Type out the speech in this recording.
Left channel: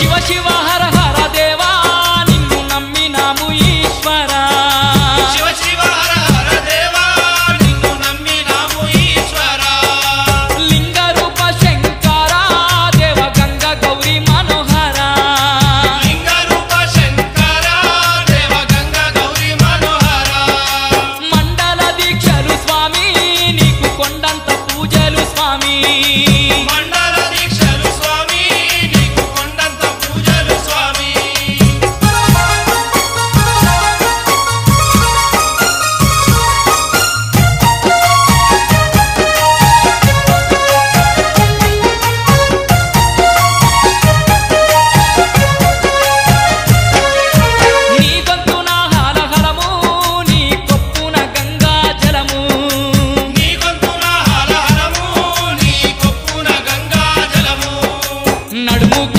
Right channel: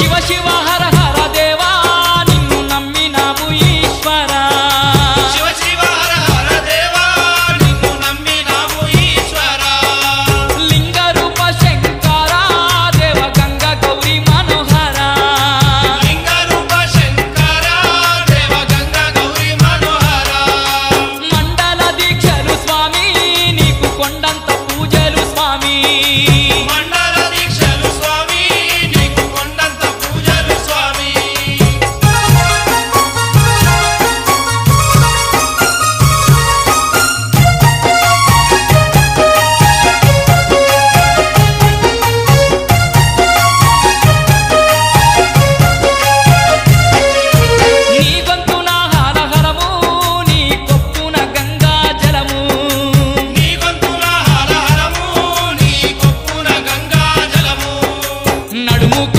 శివ శివ హర హర దేవా నిన్ను నమ్మినాము ఈశ్వరా శివ శివ హర హర దేవా నిన్ను నమ్మినాము ఈశ్వరా లింగ రూప శంకర దేవ గంగ గౌరీ మనోహర లింగ రూప శంకర దేవ గంగ గౌరీ మనోహర మండల దీక్షలు స్వామి నీకు కొండంత పూజలు స్వామి